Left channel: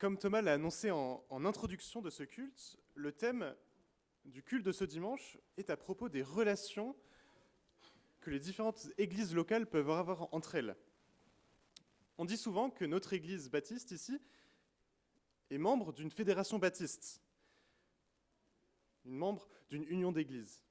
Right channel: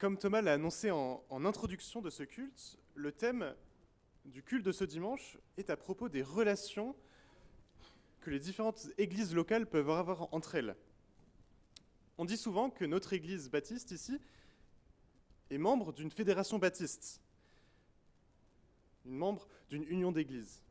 comme Thomas l'a annoncé en introduction de ce culte, le thème du culte de ce dimanche est à propos des relations que les différentes églises locales peuvent avoir entre elles. On dit souvent que notre église baptiste ici est membre d'une fédération baptiste, une membre d'une union d'églises.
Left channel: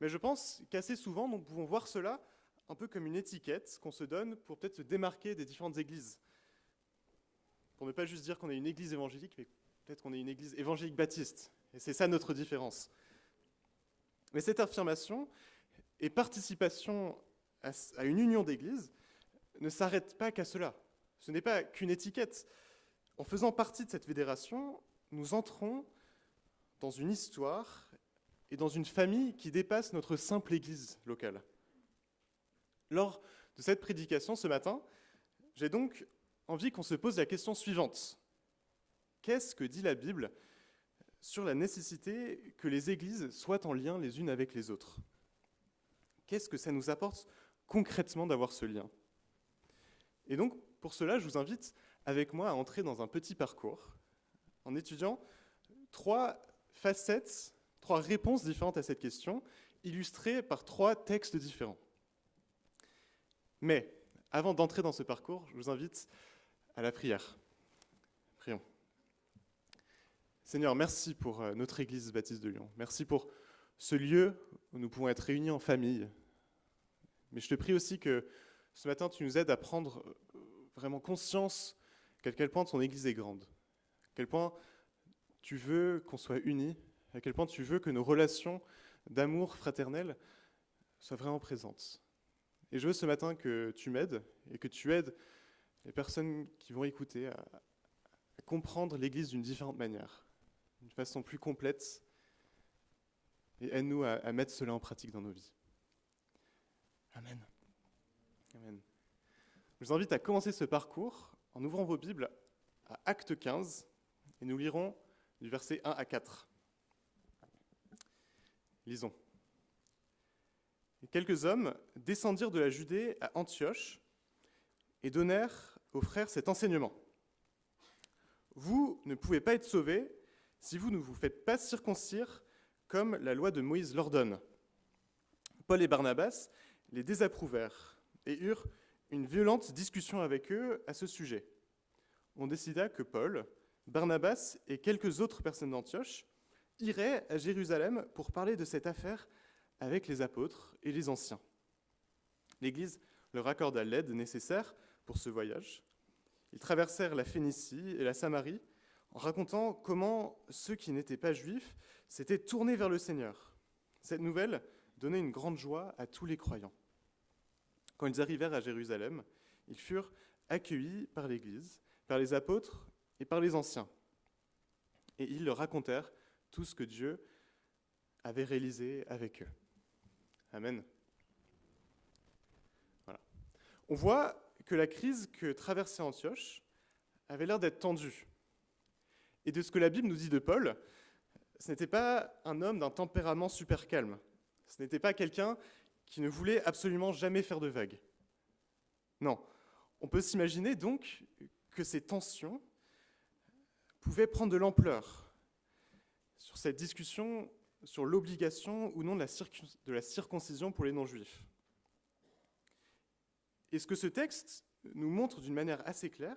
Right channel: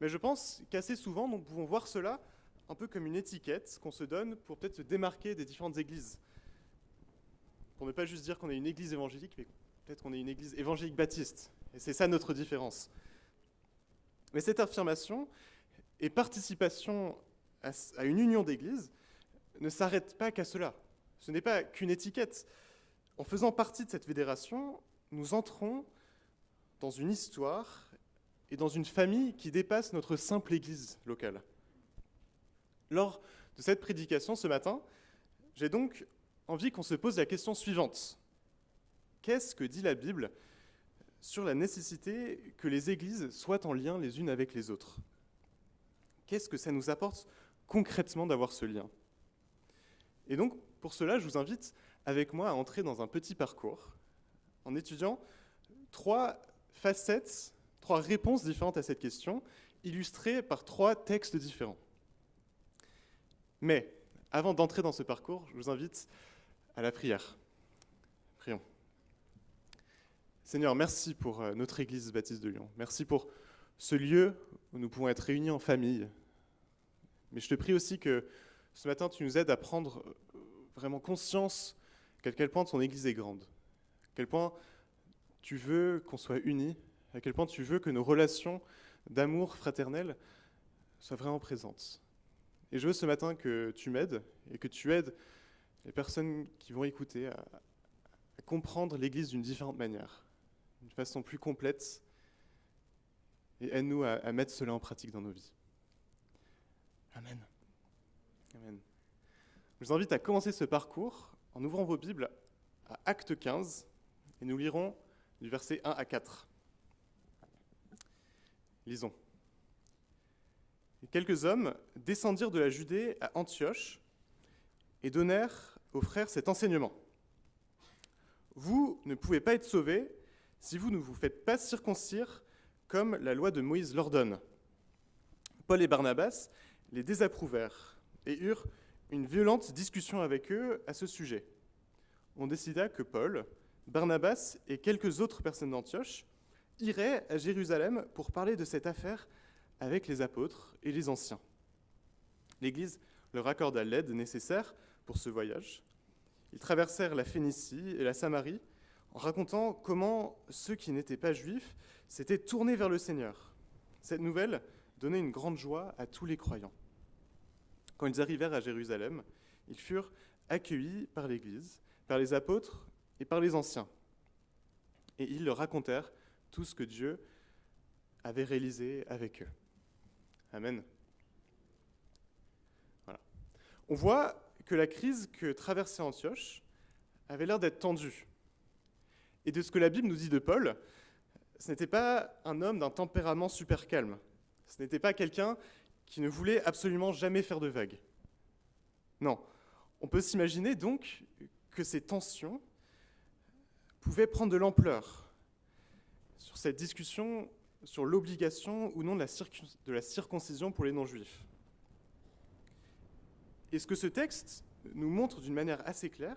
Mais je pense qu'assez souvent, nous pouvons voir cela un peu comme une étiquette qu'on se donne pour peut-être se démarquer des différentes églises. Pour ne pas juste dire qu'on est une église évangélique, mais peut-être qu'on est une église évangélique baptiste. Et c'est ça notre différence. Mais cette affirmation et participation à une union d'églises ne s'arrête pas qu'à cela. Ce n'est pas qu'une étiquette. En faisant partie de cette fédération, nous entrons dans une histoire et dans une famille qui dépasse notre simple église locale. Lors de cette prédication ce matin, j'ai donc envie qu'on se pose la question suivante. Qu'est-ce que dit la Bible sur la nécessité que les églises soient en lien les unes avec les autres? Qu'est-ce que ça nous apporte concrètement d'avoir ce lien? Et donc, pour cela, je vous invite avec moi à entrer dans un petit parcours en étudiant trois facettes, trois réponses différentes à cette question, illustrées par trois textes différents. Mais, avant d'entrer dans ce parcours, je vous invite à la prière. Prions. Seigneur, merci pour notre Église baptiste de Lyon. Merci pour ce lieu où nous pouvons être réunis en famille. Mais je te prie aussi que ce matin, tu nous aides à prendre vraiment conscience à quel point ton Église est grande, à quel point tu veux qu'on soit unis, à quel point tu veux que nos relations d'amour fraternel soient vraiment présentes. Et je veux ce matin que tu m'aides et que tu aides les personnes qui vont écouter à comprendre l'Église d'une différente manière, d'une façon plus complète, et aide-nous à mettre cela en pratique dans nos vies. Amen. Amen. Je vous invite à commencer ce parcours en ouvrant vos Bibles à Acte 15, et nous lirons du verset 1 à 4. Lisons. Et quelques hommes descendirent de la Judée à Antioche et donnèrent aux frères cet enseignement. Vous ne pouvez pas être sauvés si vous ne vous faites pas circoncire comme la loi de Moïse l'ordonne. Paul et Barnabas les désapprouvèrent et eurent une violente discussion avec eux à ce sujet. On décida que Paul, Barnabas et quelques autres personnes d'Antioche iraient à Jérusalem pour parler de cette affaire avec les apôtres et les anciens. L'Église leur accorda l'aide nécessaire pour ce voyage. Ils traversèrent la Phénicie et la Samarie en racontant comment ceux qui n'étaient pas juifs s'étaient tournés vers le Seigneur. Cette nouvelle donnait une grande joie à tous les croyants. Quand ils arrivèrent à Jérusalem, ils furent accueillis par l'Église, par les apôtres et par les anciens. Et ils leur racontèrent tout ce que Dieu avait réalisé avec eux. Amen. Voilà. On voit que la crise que traversait Antioche avait l'air d'être tendue. Et de ce que la Bible nous dit de Paul, ce n'était pas un homme d'un tempérament super calme. Ce n'était pas quelqu'un qui ne voulait absolument jamais faire de vagues. Non, on peut s'imaginer donc que ces tensions pouvaient prendre de l'ampleur sur cette discussion sur l'obligation ou non de la circoncision pour les non-juifs. Et ce que ce texte nous montre d'une manière assez claire,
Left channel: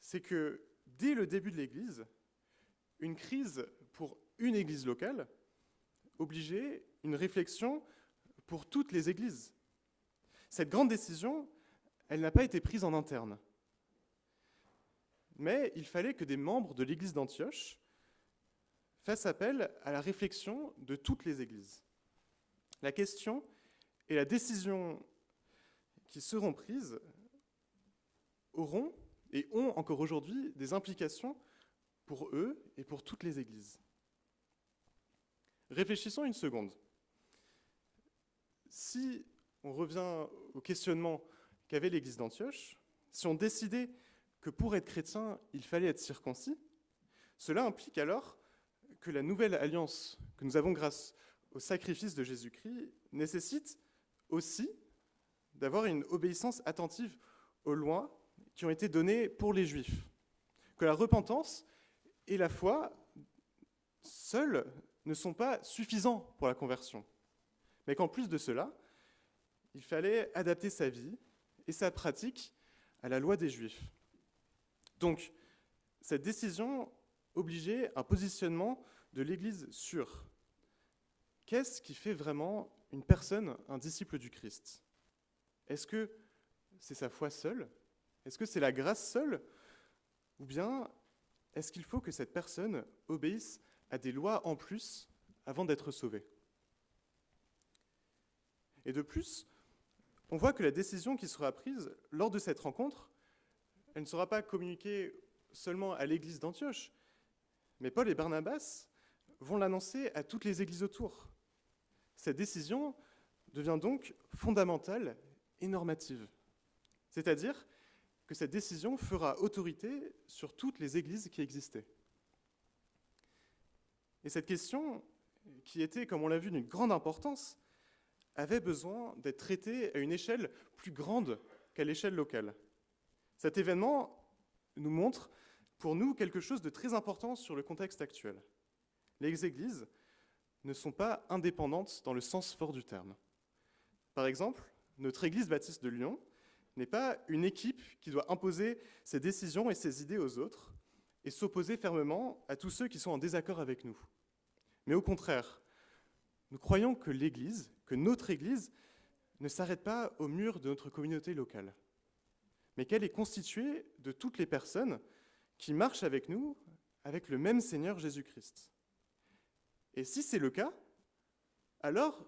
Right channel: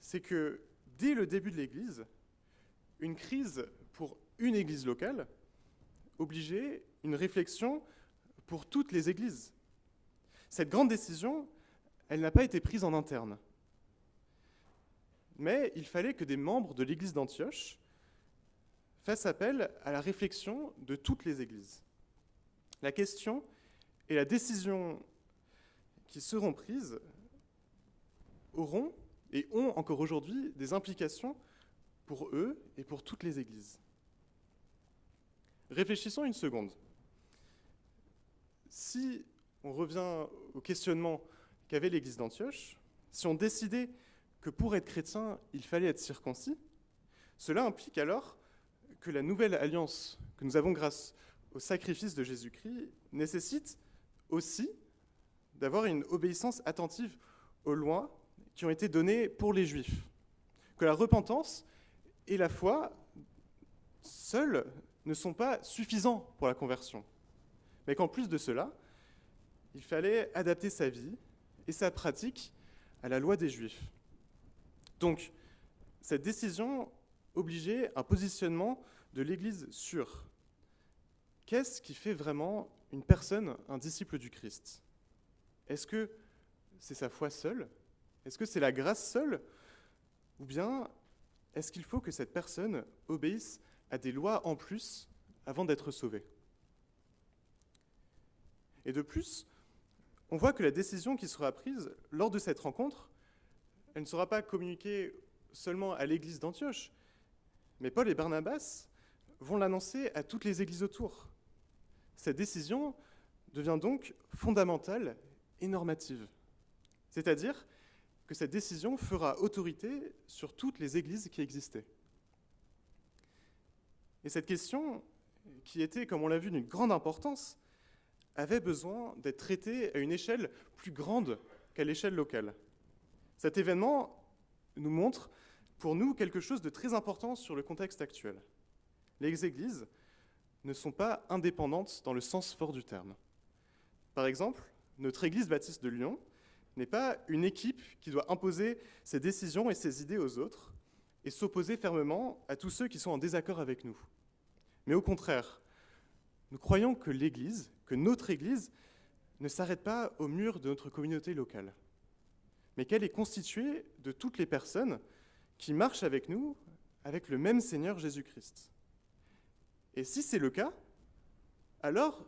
c'est que dès le début de l'Église, une crise pour une Église locale obligeait une réflexion pour toutes les Églises. Cette grande décision, elle n'a pas été prise en interne. Mais il fallait que des membres de l'Église d'Antioche fassent appel à la réflexion de toutes les Églises. La question et la décision qui seront prises auront et ont encore aujourd'hui des implications pour eux et pour toutes les Églises. Réfléchissons une seconde. Si on revient au questionnement qu'avait l'Église d'Antioche, si on décidait que pour être chrétien, il fallait être circoncis, cela implique alors que la nouvelle alliance que nous avons grâce au sacrifice de Jésus-Christ nécessite aussi d'avoir une obéissance attentive aux lois qui ont été données pour les Juifs. que la repentance et la foi, seuls, ne sont pas suffisants pour la conversion, mais qu'en plus de cela, il fallait adapter sa vie et sa pratique à la loi des Juifs. Donc, cette décision obligeait un positionnement de l'Église sûr. Qu'est-ce qui fait vraiment une personne un disciple du Christ? Est-ce que c'est sa foi seule? Est-ce que c'est la grâce seule? Ou bien est-ce qu'il faut que cette personne obéisse à des lois en plus avant d'être sauvée? Et de plus, on voit que la décision qui sera prise lors de cette rencontre, elle ne sera pas communiquée seulement à l'église d'Antioche, mais Paul et Barnabas vont l'annoncer à toutes les églises autour. Cette décision devient donc fondamentale et normative. C'est-à-dire que cette décision fera autorité sur toutes les églises qui existaient. Et cette question, qui était, comme on l'a vu, d'une grande importance, avait besoin d'être traitée à une échelle plus grande qu'à l'échelle locale. Cet événement nous montre, pour nous, quelque chose de très important sur le contexte actuel. Les églises ne sont pas indépendantes dans le sens fort du terme. Par exemple, notre église baptiste de Lyon n'est pas une équipe qui doit imposer ses décisions et ses idées aux autres et s'opposer fermement à tous ceux qui sont en désaccord avec nous. Mais au contraire, nous croyons que l'Église, que notre Église, ne s'arrête pas au mur de notre communauté locale, mais qu'elle est constituée de toutes les personnes qui marchent avec nous, avec le même Seigneur Jésus-Christ. Et si c'est le cas, alors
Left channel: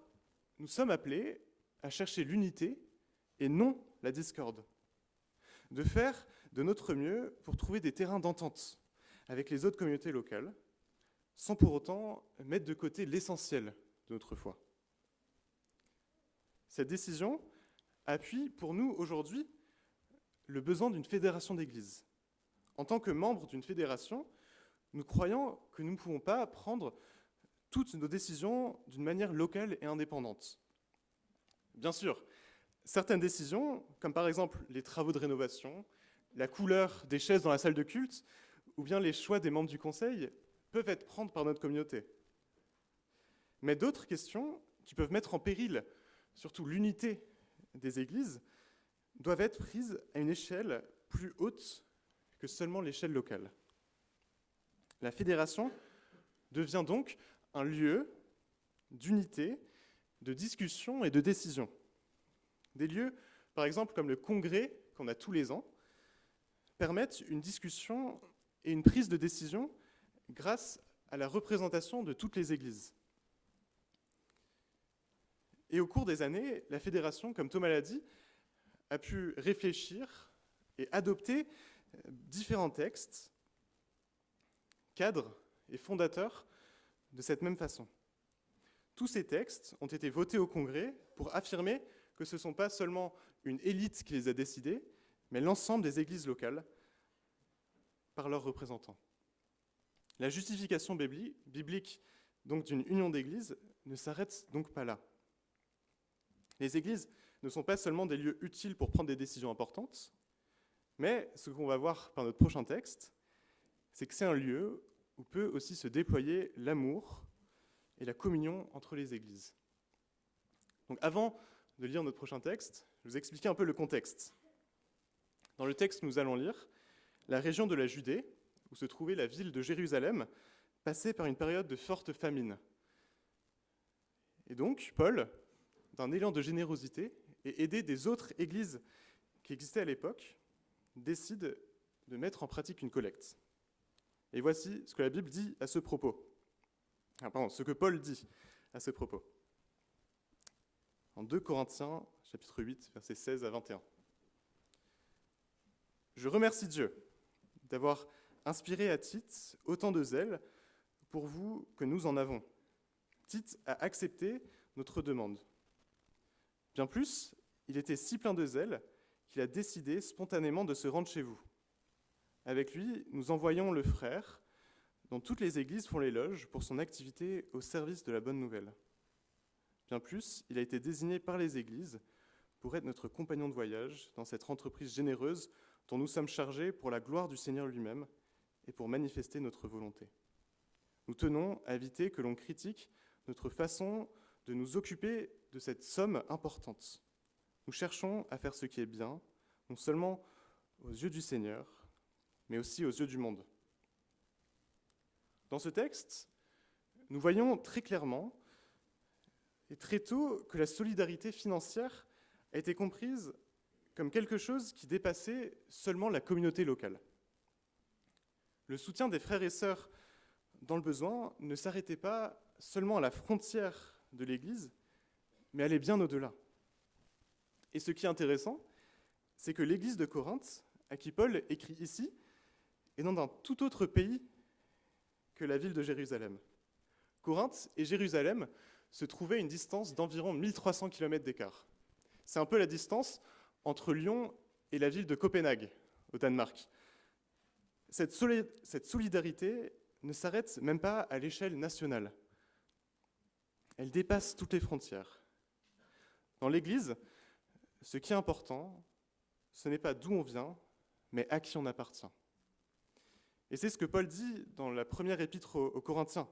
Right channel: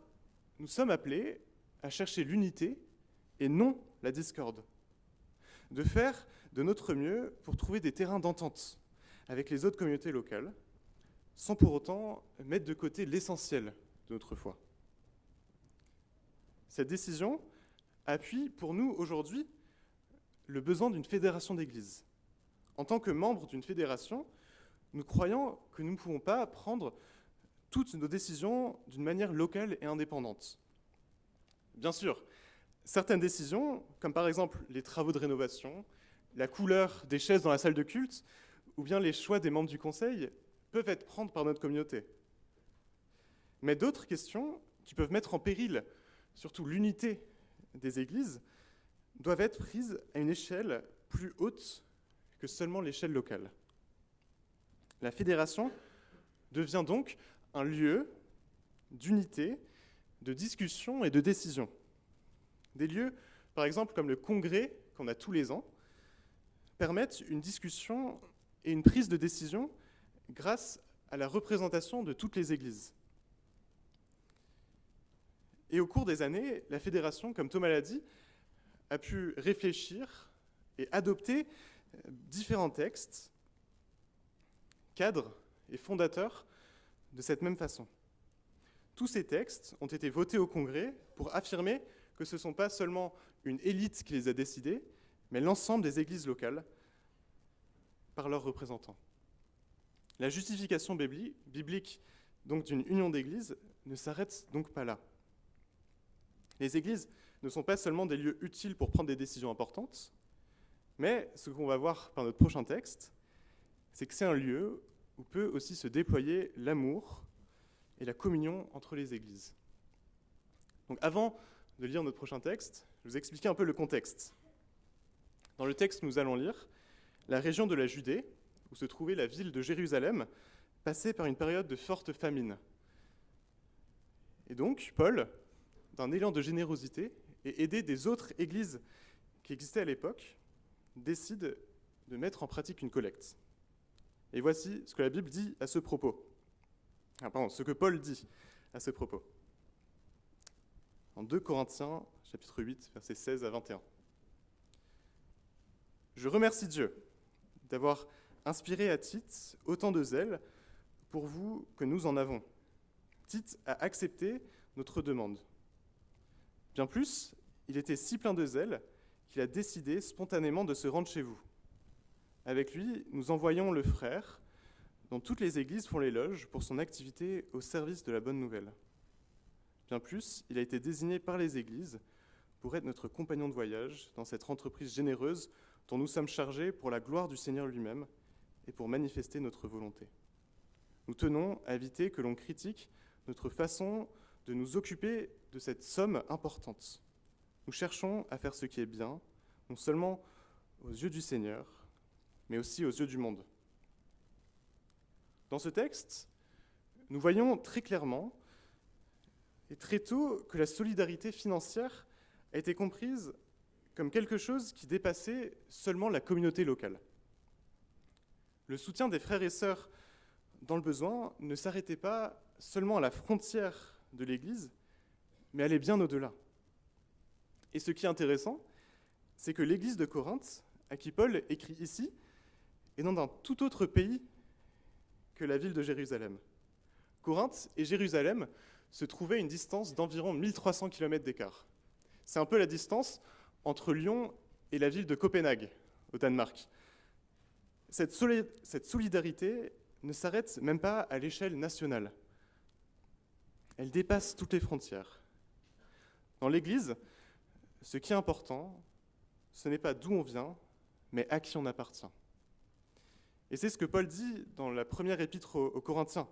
nous sommes appelés à chercher l'unité et non la discorde, de faire de notre mieux pour trouver des terrains d'entente avec les autres communautés locales, sans pour autant mettre de côté l'essentiel de notre foi. Cette décision appuie pour nous aujourd'hui le besoin d'une fédération d'églises. En tant que membres d'une fédération, nous croyons que nous ne pouvons pas prendre toutes nos décisions d'une manière locale et indépendante. Bien sûr, certaines décisions, comme par exemple les travaux de rénovation, la couleur des chaises dans la salle de culte, ou bien les choix des membres du conseil, peuvent être prises par notre communauté. Mais d'autres questions qui peuvent mettre en péril, surtout l'unité des églises, doivent être prises à une échelle plus haute que seulement l'échelle locale. La fédération devient donc un lieu d'unité, de discussion et de décision. Des lieux, par exemple, comme le congrès qu'on a tous les ans, permettent une discussion et une prise de décision grâce à la représentation de toutes les églises. Et au cours des années, la fédération, comme Thomas l'a dit, a pu réfléchir et adopter différents textes, cadres et fondateurs de cette même façon. Tous ces textes ont été votés au Congrès pour affirmer que ce ne sont pas seulement une élite qui les a décidés, mais l'ensemble des églises locales par leurs représentants. La justification biblique donc d'une union d'églises ne s'arrête donc pas là. Les églises ne sont pas seulement des lieux utiles pour prendre des décisions importantes, mais ce qu'on va voir par notre prochain texte, c'est que c'est un lieu où peut aussi se déployer l'amour et la communion entre les églises. Donc avant de lire notre prochain texte, je vais vous expliquer un peu le contexte. Dans le texte que nous allons lire, la région de la Judée, où se trouvait la ville de Jérusalem, passait par une période de forte famine. Et donc, Paul, d'un élan de générosité et aidé des autres églises qui existaient à l'époque, décide de mettre en pratique une collecte. Et voici ce que la Bible dit à ce propos. Ce que Paul dit à ce propos. En 2 Corinthiens, chapitre 8, versets 16 à 21. « Je remercie Dieu d'avoir inspiré à Tite autant de zèle pour vous que nous en avons. Tite a accepté notre demande. Bien plus, il était si plein de zèle qu'il a décidé spontanément de se rendre chez vous. Avec lui, nous envoyons le frère, dont toutes les églises font l'éloge pour son activité au service de la bonne nouvelle. Bien plus, il a été désigné par les églises pour être notre compagnon de voyage dans cette entreprise généreuse dont nous sommes chargés pour la gloire du Seigneur lui-même et pour manifester notre volonté. Nous tenons à éviter que l'on critique notre façon de nous occuper de cette somme importante. Nous cherchons à faire ce qui est bien, non seulement aux yeux du Seigneur, mais aussi aux yeux du monde. Dans ce texte, nous voyons très clairement et très tôt que la solidarité financière a été comprise comme quelque chose qui dépassait seulement la communauté locale. Le soutien des frères et sœurs dans le besoin ne s'arrêtait pas seulement à la frontière de l'Église, mais allait bien au-delà. Et ce qui est intéressant, c'est que l'Église de Corinthe, à qui Paul écrit ici, est dans un tout autre pays que la ville de Jérusalem. Corinthe et Jérusalem se trouvaient à une distance d'environ 1300 km d'écart. C'est un peu la distance entre Lyon et la ville de Copenhague, au Danemark. Cette solidarité ne s'arrête même pas à l'échelle nationale. Elle dépasse toutes les frontières. Dans l'Église, ce qui est important, ce n'est pas d'où on vient, mais à qui on appartient. Et c'est ce que Paul dit dans la première épître aux Corinthiens,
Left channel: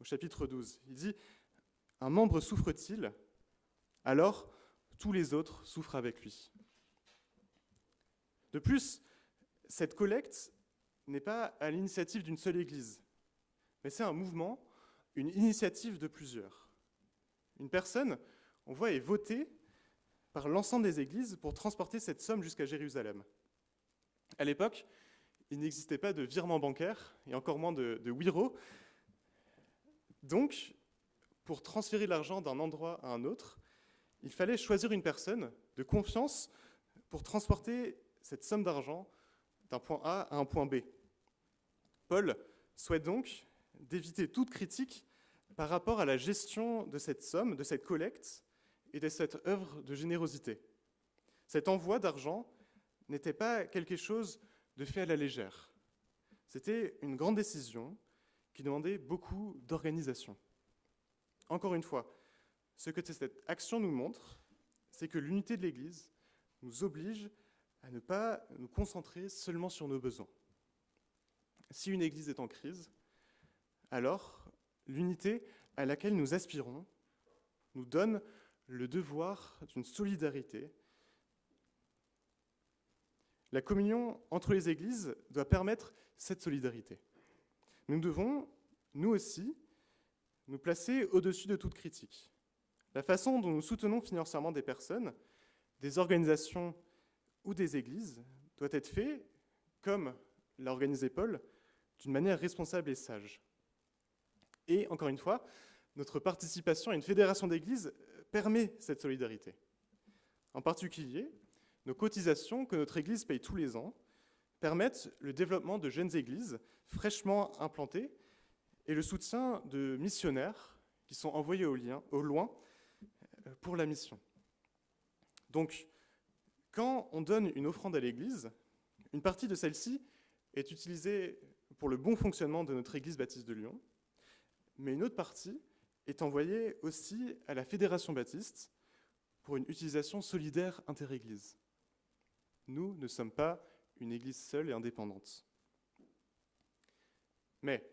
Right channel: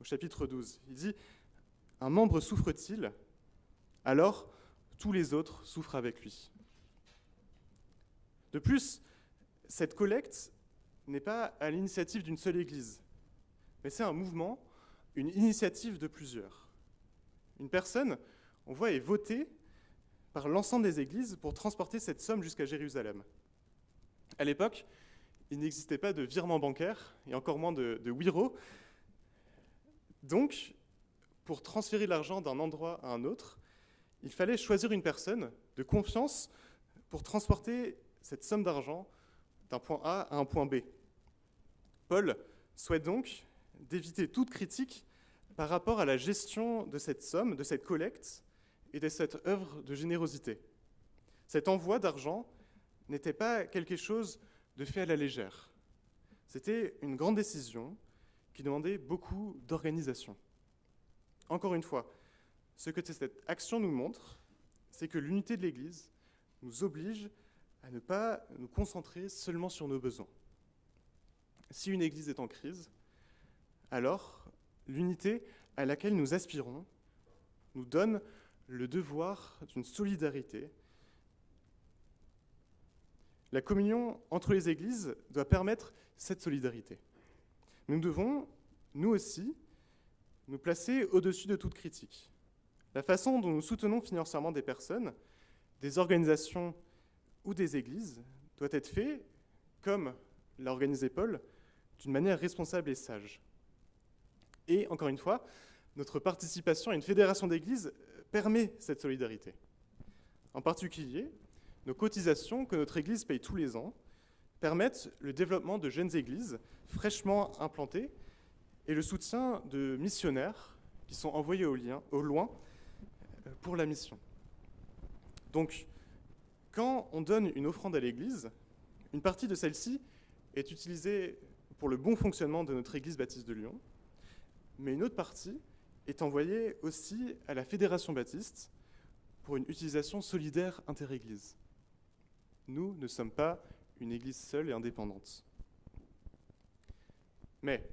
au chapitre 12. Il dit « Un membre souffre-t-il, alors tous les autres souffrent avec lui. » De plus, cette collecte n'est pas à l'initiative d'une seule église, mais c'est un mouvement, une initiative de plusieurs. Une personne, on voit, est votée par l'ensemble des églises pour transporter cette somme jusqu'à Jérusalem. À l'époque, il n'existait pas de virement bancaire, et encore moins de wiro. Donc, pour transférer l'argent d'un endroit à un autre, il fallait choisir une personne de confiance pour transporter cette somme d'argent d'un point A à un point B. Paul souhaite donc d'éviter toute critique par rapport à la gestion de cette somme, de cette collecte et de cette œuvre de générosité. Cet envoi d'argent n'était pas quelque chose de fait à la légère. C'était une grande décision qui demandait beaucoup d'organisation. Encore une fois, ce que cette action nous montre, c'est que l'unité de l'Église nous oblige à ne pas nous concentrer seulement sur nos besoins. Si une Église est en crise, alors l'unité à laquelle nous aspirons nous donne le devoir d'une solidarité. La communion entre les Églises doit permettre cette solidarité. Nous devons, nous aussi, nous placer au-dessus de toute critique. La façon dont nous soutenons financièrement des personnes, des organisations ou des églises doit être faite, comme l'a organisé Paul, d'une manière responsable et sage. Et, encore une fois, notre participation à une fédération d'églises permet cette solidarité. En particulier, nos cotisations que notre église paye tous les ans permettent le développement de jeunes églises fraîchement implantées et le soutien de missionnaires qui sont envoyés au loin pour la mission. Donc, quand on donne une offrande à l'Église, une partie de celle-ci est utilisée pour le bon fonctionnement de notre Église baptiste de Lyon, mais une autre partie est envoyée aussi à la Fédération baptiste pour une utilisation solidaire inter-Église. Nous ne sommes pas une Église seule et indépendante. Mais,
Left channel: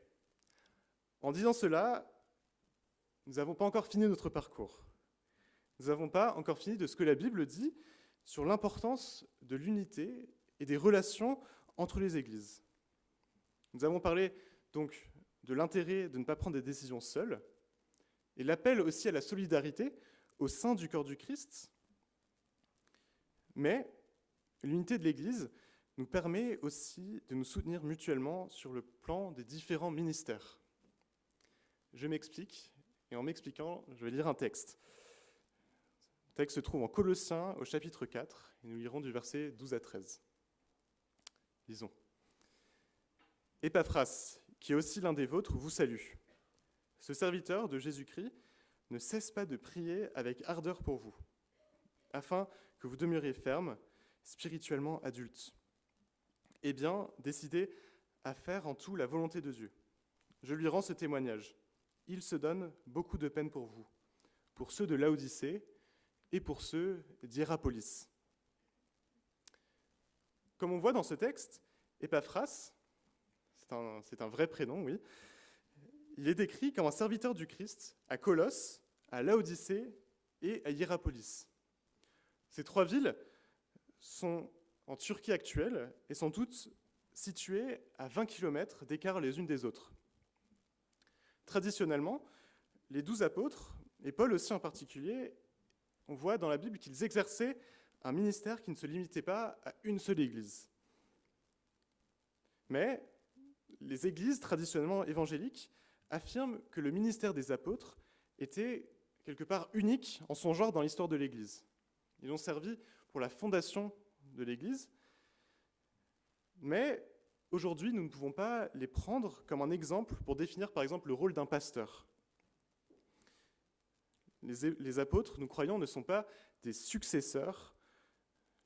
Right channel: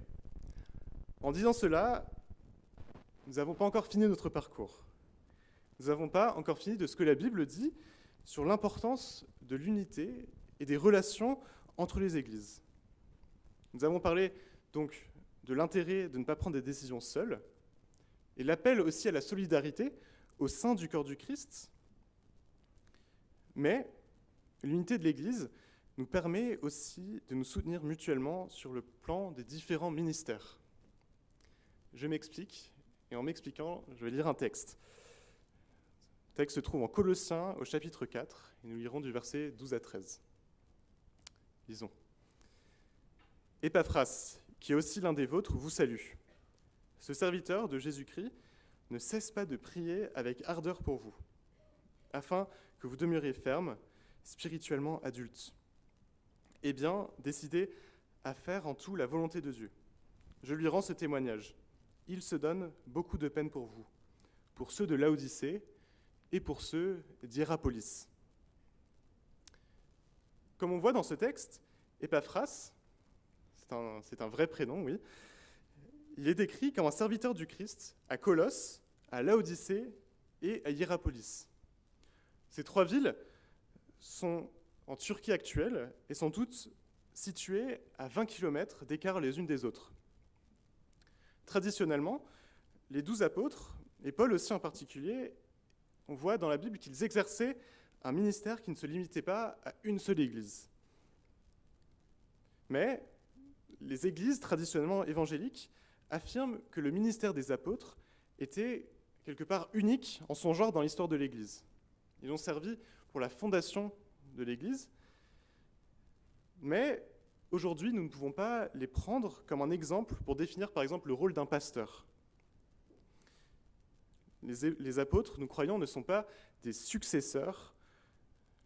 en disant cela, nous n'avons pas encore fini notre parcours. Nous n'avons pas encore fini de ce que la Bible dit sur l'importance de l'unité et des relations entre les églises. Nous avons parlé donc de l'intérêt de ne pas prendre des décisions seules et l'appel aussi à la solidarité au sein du corps du Christ. Mais l'unité de l'Église nous permet aussi de nous soutenir mutuellement sur le plan des différents ministères. Je m'explique, et en m'expliquant, je vais lire un texte. Le texte se trouve en Colossiens au chapitre 4, et nous lirons du verset 12 à 13. Lisons. Épaphras, qui est aussi l'un des vôtres, vous salue. Ce serviteur de Jésus-Christ ne cesse pas de prier avec ardeur pour vous, afin que vous demeuriez fermes, spirituellement adultes, et bien décidés à faire en tout la volonté de Dieu. Je lui rends ce témoignage. Il se donne beaucoup de peine pour vous, pour ceux de Laodicée et pour ceux d'Hiérapolis. Comme on voit dans ce texte, Épaphras, c'est un vrai prénom, oui. Il est décrit comme un serviteur du Christ à Colosse, à Laodicée et à Hiérapolis. Ces 3 villes sont en Turquie actuelle et sont toutes situées à 20 km d'écart les unes des autres. Traditionnellement, les 12 apôtres, et Paul aussi en particulier, on voit dans la Bible qu'ils exerçaient un ministère qui ne se limitait pas à une seule église. Mais les églises traditionnellement évangéliques affirment que le ministère des apôtres était quelque part unique en son genre dans l'histoire de l'Église. Ils ont servi pour la fondation de l'Église, mais aujourd'hui, nous ne pouvons pas les prendre comme un exemple pour définir par exemple le rôle d'un pasteur. Les apôtres, nous croyons, ne sont pas des successeurs,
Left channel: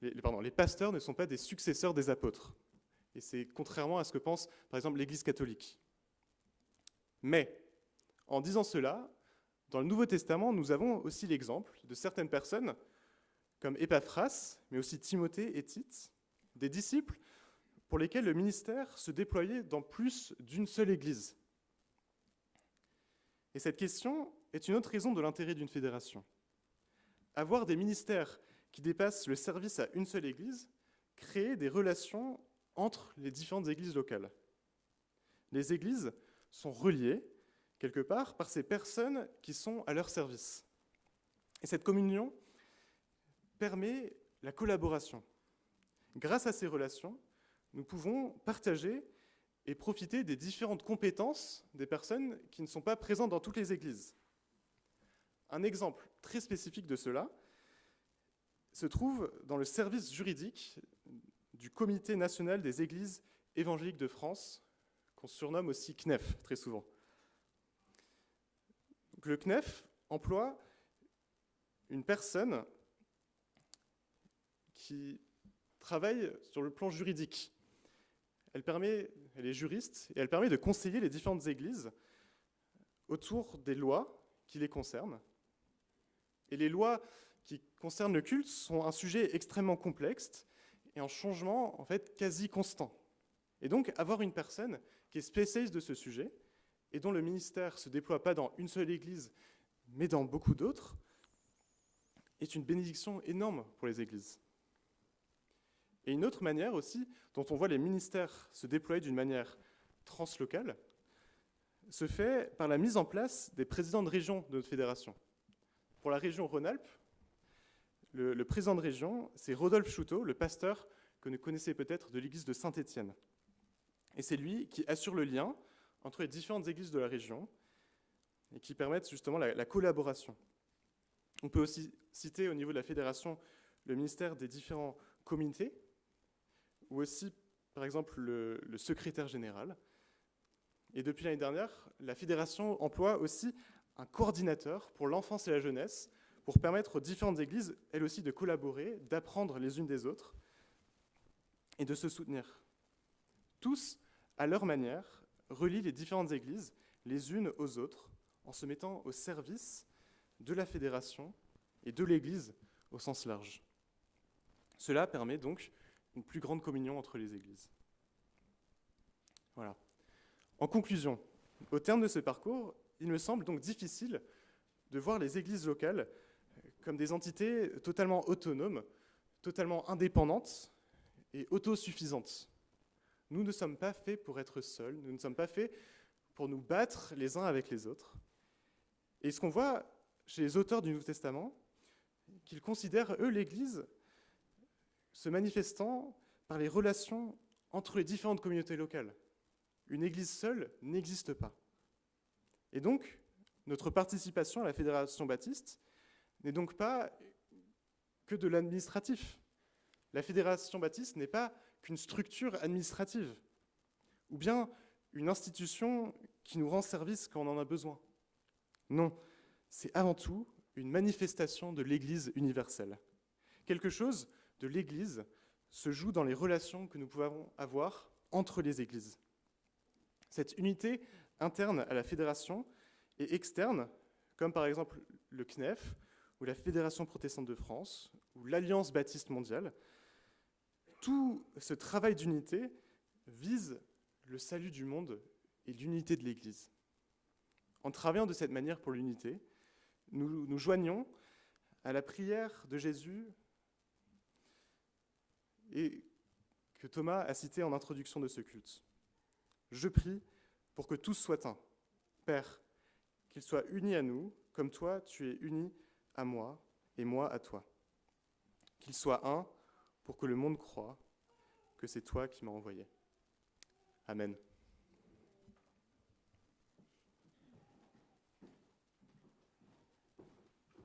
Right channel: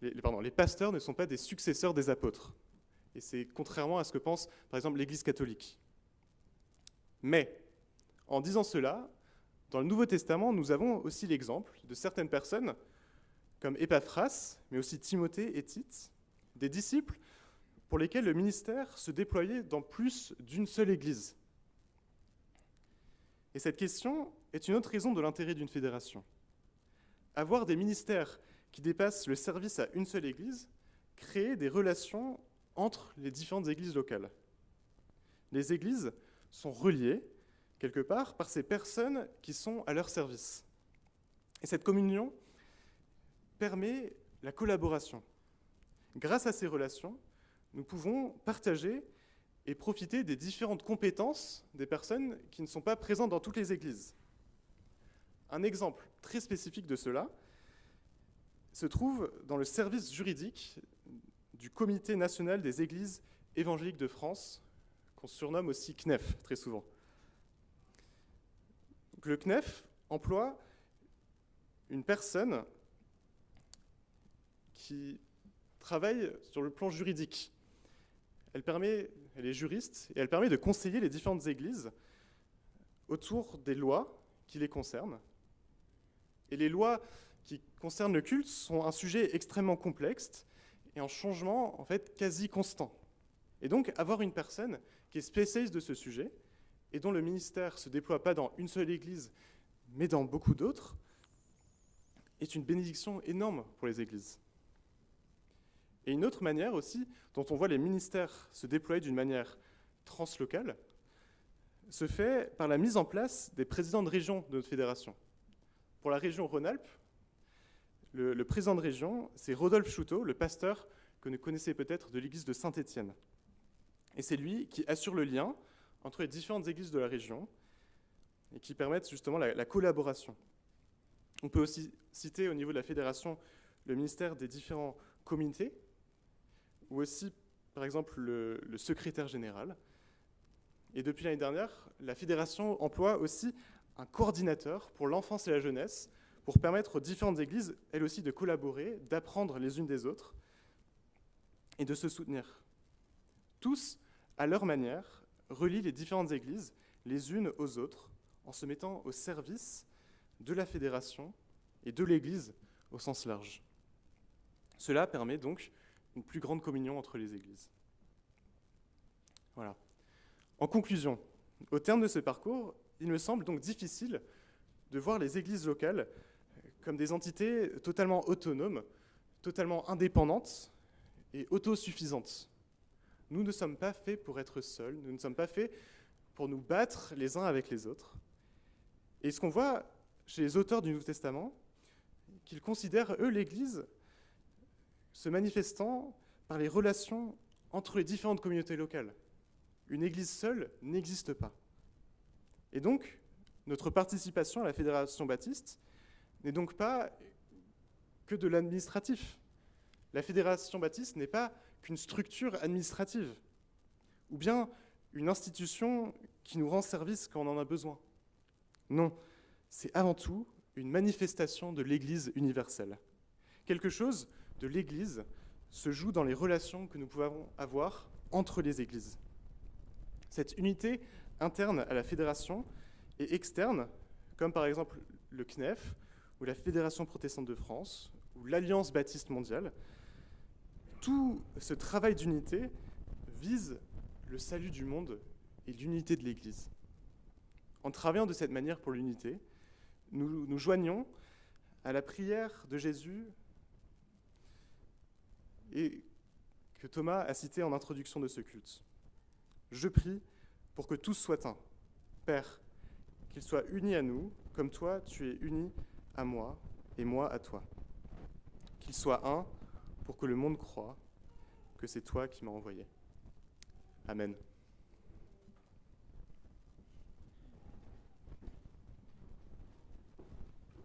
les pasteurs ne sont pas des successeurs des apôtres. Et c'est contrairement à ce que pense par exemple l'Église catholique. Mais, en disant cela, dans le Nouveau Testament, nous avons aussi l'exemple de certaines personnes, comme Épaphras, mais aussi Timothée et Tite, des disciples pour lesquels le ministère se déployait dans plus d'une seule église. Et cette question est une autre raison de l'intérêt d'une fédération. Avoir des ministères qui dépassent le service à une seule église crée des relations entre les différentes églises locales. Les églises sont reliées, quelque part, par ces personnes qui sont à leur service. Et cette communion permet la collaboration. Grâce à ces relations, nous pouvons partager et profiter des différentes compétences des personnes qui ne sont pas présentes dans toutes les églises. Un exemple très spécifique de cela se trouve dans le service juridique du Comité national des églises évangéliques de France, qu'on surnomme aussi CNEF très souvent. Donc, le CNEF emploie une personne qui travaille sur le plan juridique. Elle est juriste et elle permet de conseiller les différentes églises autour des lois qui les concernent. Et les lois qui concernent le culte sont un sujet extrêmement complexe et en changement en fait quasi constant. Et donc avoir une personne qui est spécialiste de ce sujet et dont le ministère ne se déploie pas dans une seule église mais dans beaucoup d'autres est une bénédiction énorme pour les églises. Et une autre manière aussi dont on voit les ministères se déployer d'une manière translocale se fait par la mise en place des présidents de région de notre fédération. Pour la région Rhône-Alpes, le président de région, c'est Rodolphe Chouteau, le pasteur que vous connaissez peut-être de l'église de Saint-Étienne. Et c'est lui qui assure le lien entre les différentes églises de la région et qui permettent justement la collaboration. On peut aussi citer au niveau de la fédération le ministère des différents comités, ou aussi, par exemple, le secrétaire général. Et depuis l'année dernière, la fédération emploie aussi un coordinateur pour l'enfance et la jeunesse, pour permettre aux différentes églises, elles aussi, de collaborer, d'apprendre les unes des autres et de se soutenir. Tous, à leur manière, relient les différentes églises les unes aux autres en se mettant au service de la fédération et de l'Église au sens large. Cela permet donc une plus grande communion entre les églises. Voilà. En conclusion, au terme de ce parcours, il me semble donc difficile de voir les églises locales comme des entités totalement autonomes, totalement indépendantes et autosuffisantes. Nous ne sommes pas faits pour être seuls, nous ne sommes pas faits pour nous battre les uns avec les autres. Et ce qu'on voit chez les auteurs du Nouveau Testament, qu'ils considèrent, eux, l'Église se manifestant par les relations entre les différentes communautés locales. Une Église seule n'existe pas. Et donc, notre participation à la Fédération baptiste n'est donc pas que de l'administratif. La Fédération baptiste n'est pas qu'une structure administrative, ou bien une institution qui nous rend service quand on en a besoin. Non, c'est avant tout une manifestation de l'Église universelle. Quelque chose de l'Église se joue dans les relations que nous pouvons avoir entre les Églises. Cette unité interne à la fédération et externe, comme par exemple le CNEF, ou la Fédération protestante de France, ou l'Alliance baptiste mondiale, tout ce travail d'unité vise le salut du monde et l'unité de l'Église. En travaillant de cette manière pour l'unité, nous nous joignons à la prière de Jésus et que Thomas a cité en introduction de ce culte. Je prie pour que tous soient un. Père, qu'ils soient unis à nous, comme toi tu es uni à moi et moi à toi. Qu'ils soient un pour que le monde croie que c'est toi qui m'as envoyé. Amen.